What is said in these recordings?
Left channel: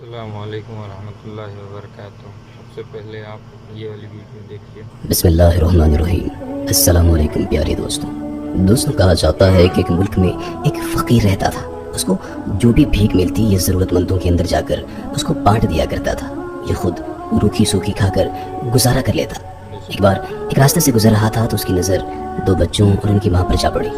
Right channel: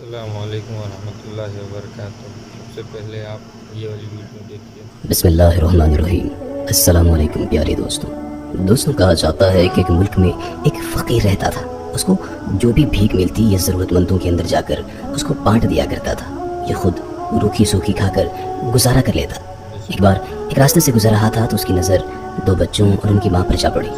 السلام علیکم ورحمۃ اللہ وبرکاتہ۔ سب سے پہلے آپ یہ والی ویڈیو دیکھیے۔ بسم اللہ الرحمن الرحیم۔ السلام علیکم پیارے دوستوں، کہا جاتا ہے کہ ایک ملک میں ایک فقیر رہتا تھا۔ اس کو جو بھی بھیک ملتی یہ ضرورت مندوں کے اندر جا کر اس کو بانٹ دیا کرتا تھا۔ یہ خود روکھی سوکھی کھا کر گزارا کر لیتا۔ ایک بار ایک راستے سے گزر رہا تھا تو اس کی نظر دو بچوں اور ان کی ماں پر جا پڑی،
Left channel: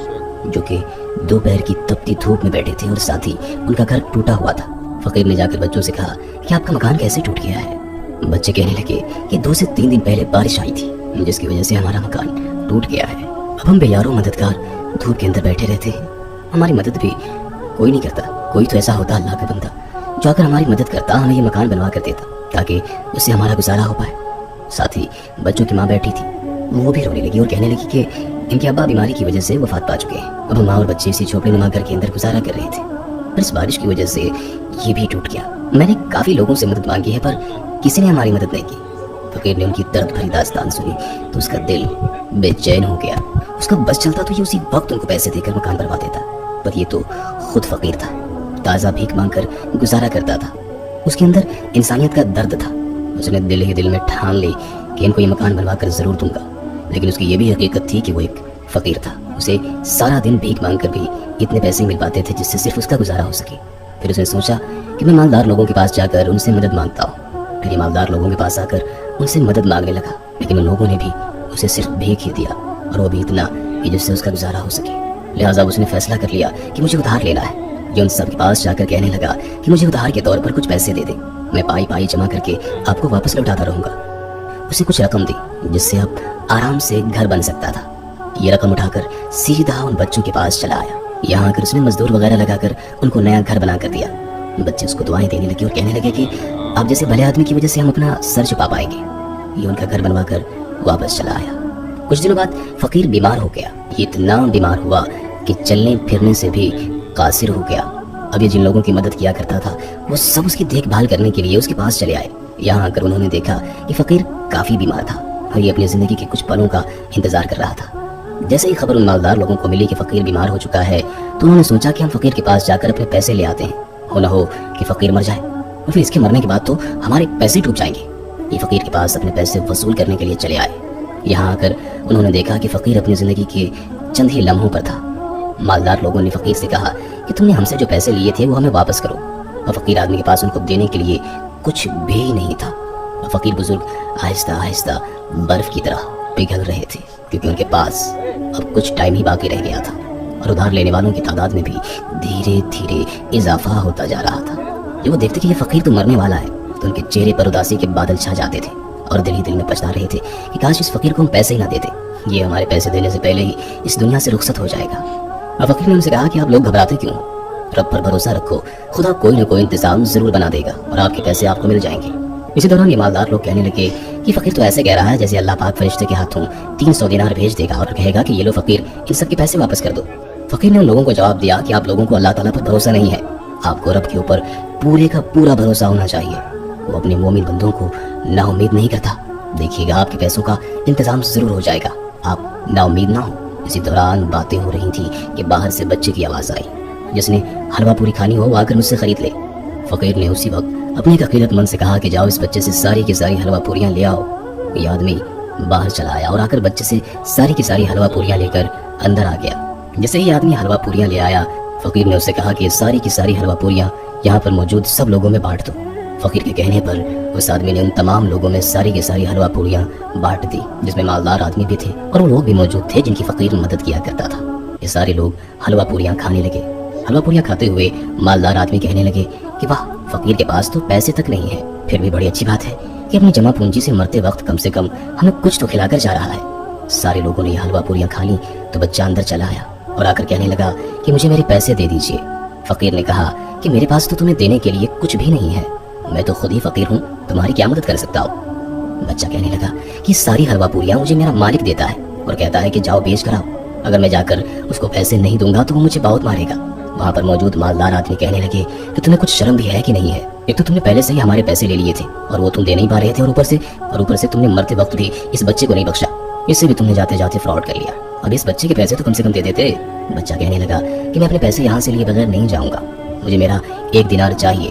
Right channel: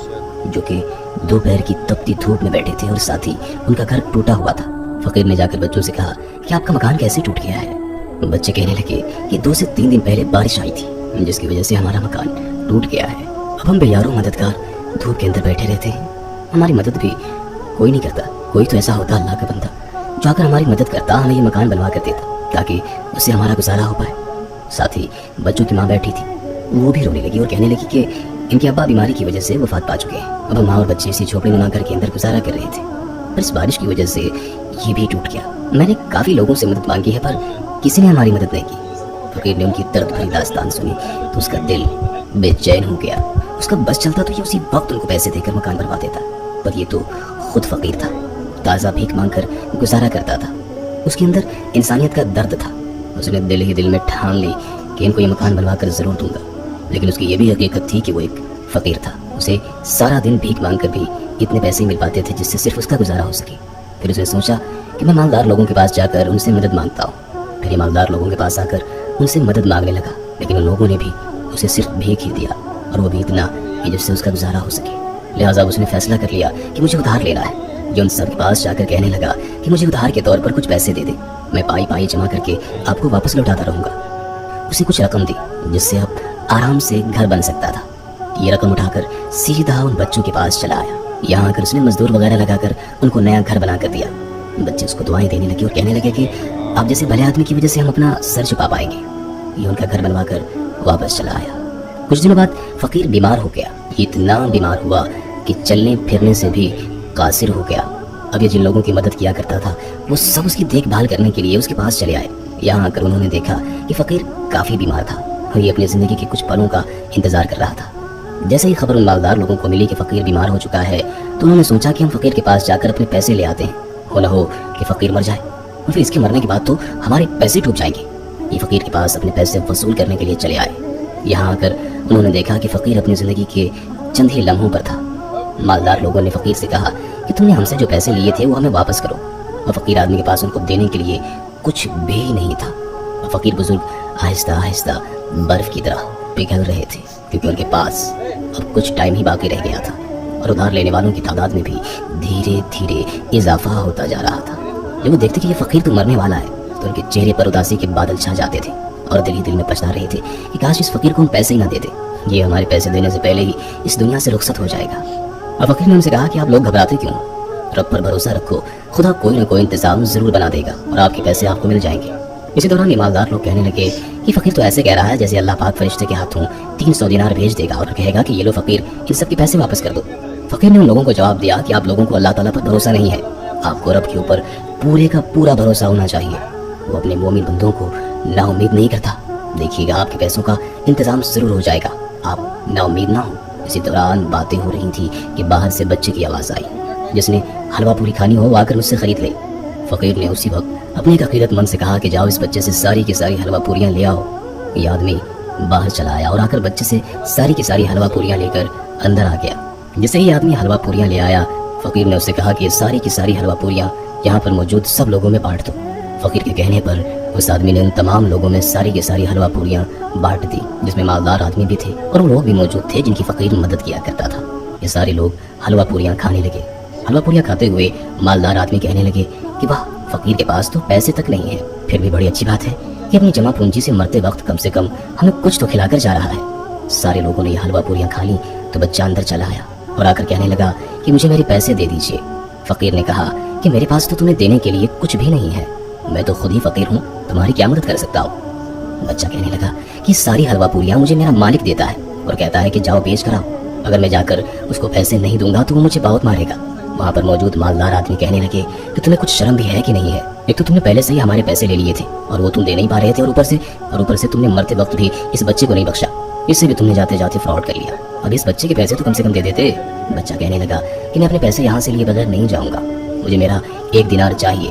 جو کہ دوپہر کی تپتی دھوپ میں بیٹھے تھے اور ساتھ ہی ان کا گھر ٹوٹا ہوا تھا۔ فقیر نے جا کر بچوں سے کہا کہ آپ کا مکان کیسے ٹوٹ گیا ہے؟ بچے کہنے لگے کہ 2 سے 3 دن پہلے بارش آئی تھی جس کی وجہ سے ہمارا مکان ٹوٹ گیا ہے۔ اب ہم بے یارو مددگار دھوپ کے اندر بیٹھے رہتے ہیں، ہماری مدد بھی کوئی نہیں کرتا۔ کوئی تو ایسا ہوتا اللہ کا بندہ جو اگر ہماری مدد کرتا ہمیں یہ مکان بنوا کر دیتا تاکہ اس سے ہمارا گزارا ہو پائے۔ ساتھ ہی بچوں کی ماں بیٹھی تھی، وہ بھی رونے لگی اور کہنے لگی کہ ان کے ابا بیماری کی وجہ سے وفات پا چکے ہیں۔ اب ہم ماں اور بچے اسی جھوپڑی نما گھر کے اندر گزارا کر رہے تھے، پر اس بارش کی وجہ سے یہ بھی ٹوٹ گیا۔ میں نے کافی لوگوں سے مدد مانگی ہے پر کسی نے ہماری مدد نہیں کی۔ فقیر نے ان کی درد بھری داستان سنی تو اس کا دل بے چین ہو گیا۔ اس کا بس چلتا تو یہ اسی وقت ان کو پیسے دے کر مکان بنوا دیتا، پر یہ تو خود فقیر تھا، تازہ بھیک مانگ کر گزارا کرتا تھا۔ اس کے اندر انسانیت کا درد تھا۔ اس نے دل ہی دل میں ٹھان لی کہ ان کو یہ مکان بنوا کر ضرور دوں گا، لیکن اس کی یہ بھی حقیقت تھی کہ وہ ایک فقیر تھا۔ اسے سارا دن بھیک مانگ کر بھی اتنے پیسے مل پاتے تھے جس سے صرف اس کا گزارا ہو سکے۔ پھر اس نے سوچا کہ میں مالدار لوگوں کے پاس جا کر ان سے مدد مانگتا ہوں۔ پھر یہ مالدار لوگوں کے پاس آ کر ان سے مدد مانگنے لگا، لیکن ان لوگوں نے بھی اسے صرف بھیک ہی دیا، اور وہ بھی اتنا کہ جس سے اس کا گزارا ہو سکے۔ لہٰذا اس نے فیصلہ کر لیا کہ مجھے ادھار لینا ہے۔ یہ ان سب کے پاس جا کر کہنے لگا کہ مجھے ادھار کے طور پر کچھ پیسے دے دیں، میں پائی پائی جمع کر کے آپ کو واپس لوٹاتا رہوں گا۔ اسے کچھ رقم دی جس سے اب آرام سے گھر بن سکتا تھا۔ یہ رقم اٹھا کر سیدھا ان بچوں کے پاس چلا آیا۔ یہاں آ کر اس نے مزدور وغیرہ لگا کر ان کو نیا گھر بنا کر دیا۔ بچے اس کو دعائیں دینے لگے اور کہنے لگے کہ آپ جیسے بھلے آدمی کی وجہ سے ہم اپنا سر چھپا پائیں گے۔ یہ ان کا گھر بنوا کر واپس چلا آیا۔ کچھ دنوں بعد فقیر بیمار ہو گیا۔ یہ اتنا بیمار ہوا کہ چلنے پھرنے سے بھی قاصر ہو گیا۔ اب یہ جن لوگوں کی مدد کیا کرتا تھا وہ سب اس کی دیکھ بھال کرنے کے لیے اس کے پاس چلے آئے۔ یہاں آ کر انہوں نے دیکھا کہ فقیر کافی بیمار تھا اور یہ اپنی زندگی کے کچھ پلوں کا انتظار کر رہا تھا۔ جیسے ہی خبر ان مالدار لوگوں کو ملی کہ فقیر بیمار ہو چکا ہے تو انہوں نے سوچا کہ ہم فقیر کے پاس جا کر اپنے پیسے لے آتے ہیں، ہو نہ ہو کہ فقیر مر جائے اور پھر اس کے مرنے کے بعد تو ہمارے پیسے ڈوب جائیں گے۔ یہ فقیر کے پاس اپنے پیسے وصول کرنے کے لیے چلے آئے۔ یہاں آ کر انہوں نے دیکھا کہ فقیر اپنی زندگی کے چند ہی لمحوں پر تھا۔ مالدار لوگوں نے فقیر سے کہا کہ تم نے ہم سے جو پیسے لیے تھے وہ ہمیں واپس کرو، اور فقیر آدمی کے پاس ان کو دینے کے لیے کچھ بھی نہیں تھا۔ فقیر بزرگ آہستہ آہستہ برف کی طرح پگھل رہے تھے کیونکہ ان کے پاس اب کچھ ٹائم ہی باقی رہ گیا تھا، اور ادھار لینے والوں کی تعداد میں بھی دھیرے دھیرے اضافہ ہوتا جا رہا تھا۔ جب وہ دیکھتے کہ یہ فقیر تو مرنے والا ہے تو ان کے چہرے پر اداسی کے بادل چھا جاتے تھے اور دل ہی دل میں پچھتا رہے تھے کہ کاش اس فقیر کو ہم پیسے ہی نہ دیتے، یہ ہمارے پیسے دینے سے پہلے ہی اس دنیا سے رخصت ہو جائے گا۔ اور فقیر نے ان سے کہا کہ آپ لوگ گھبراتے کیوں؟ رب پر بھروسہ رکھو، خدا کوئی نہ کوئی انتظام ضرور بنا دے گا اور آپ کے پیسے آپ کو مل جائیں گے۔ اسی دوران ایماندار لوگ کہنے لگے کہ فقیر تو ایسے کہہ رہا ہے جیسے اللہ پاک فرشتے کے ہاتھوں 300 دینار بھیج دے گا اور کہے گا کہ یہ لو فقیر، ان سب کے پیسے واپس کر دو۔ فقیر نے ان لوگوں کو جواب دیا کہ آپ لوگوں کو اللہ تعالیٰ پر بھروسہ نہیں ہے، آپ کو رب کے اوپر پورے کا پورا بھروسہ ہونا چاہیے۔ وہ اپنے مومن بندوں کو نا امید نہیں کرتا، دیکھیے گا آپ کے پیسوں کا انتظام ضرور ہو جائے گا، آپ نا امید نہ ہو۔ اسی دوران باتیں ہو رہی تھی کہ باہر سے بچے کی آواز آئی، جس نے حلوہ پوری کھانی ہو وہ آ کر مجھ سے خرید لے۔ فقیر نے اسی وقت اپنے ایک عقیدت مند سے کہا کہ جاؤ اس بچے سے ساری کی ساری حلوہ پوریاں لے آؤ۔ یہ آدمی باہر چلا آیا اور آ کر بچے سے ساری کی ساری حلوہ پوریاں لے کر اندر آ گیا۔ جیسے ہی آدمی حلوہ پوریاں لے آیا، فقیر نے اسے کہا کہ یہ ساری کی ساری حلوہ پوریاں یہاں پر موجود سب لوگوں میں بانٹ دو۔ فقیر کے کہنے پر اس آدمی نے ان تمام لوگوں میں ساری کی ساری حلوہ پوریاں بانٹ دی، جس میں مالدار آدمی بھی تھے اور وہ لوگ بھی موجود تھے جن کی فقیر مدد کیا کرتا تھا۔ یہ سارے لوگ حلوہ پوریاں کھانے لگے۔ حلوہ پوریاں کھاتے ہوئے مالدار آدمی کہنے لگے کہ واہ، فقیر کے پاس تو پیسے تک نہیں ہے، پھر بھی بڑی اچھی بات ہے کہ اپنی جمع پونجی سے مرتے وقت کم سے کم ہمیں کچھ تو کھلا کر جا رہا ہے۔ سارے لوگوں نے یہ حلوہ پوریاں کھا لی تو بچہ اندر چلا آیا اور آ کر کہنے لگا کہ مجھے میرے پیسے دے دیجیے۔ فقیر نے کہا کہ میرے پاس تو تمہیں دینے کے لیے کچھ بھی نہیں ہے، میں تو خود ہی فقیر ہوں، تمہاری کیا مدد کر سکتا ہوں؟ بچہ کہنے لگا کہ ساری حلوہ پوریاں مجھے میرا مالک دیتا ہے اور کہتا ہے کہ جاؤ بیچ کر آؤ، اگر میں جا کر اس کو پیسے نہیں دوں گا تو وہ مجھے بہت مارے گا۔ وہاں پر موجود مالدار آدمی کہنے لگے کہ تمہیں کچھ شرم بھی ہے کہ نہیں ہے؟ ایک تو تم نے پہلے سے ہی ہمارے پیسے لے لیے تھے اور وہ تم دے نہیں پا رہے تھے، اور اوپر سے تم نے مرتے وقت بھی اس بچے کو نہیں بخشا، اس سے بھی تم نے جاتے جاتے فراڈ کر لیا۔ اب اس بچے کے پیسے تو کم سے کم دے دیتے۔ بچہ کہنے لگا کہ میں اپنے پیسے یہاں سے لیے بغیر نہیں جاؤں گا، مجھے میرا 1 دینار چاہیے۔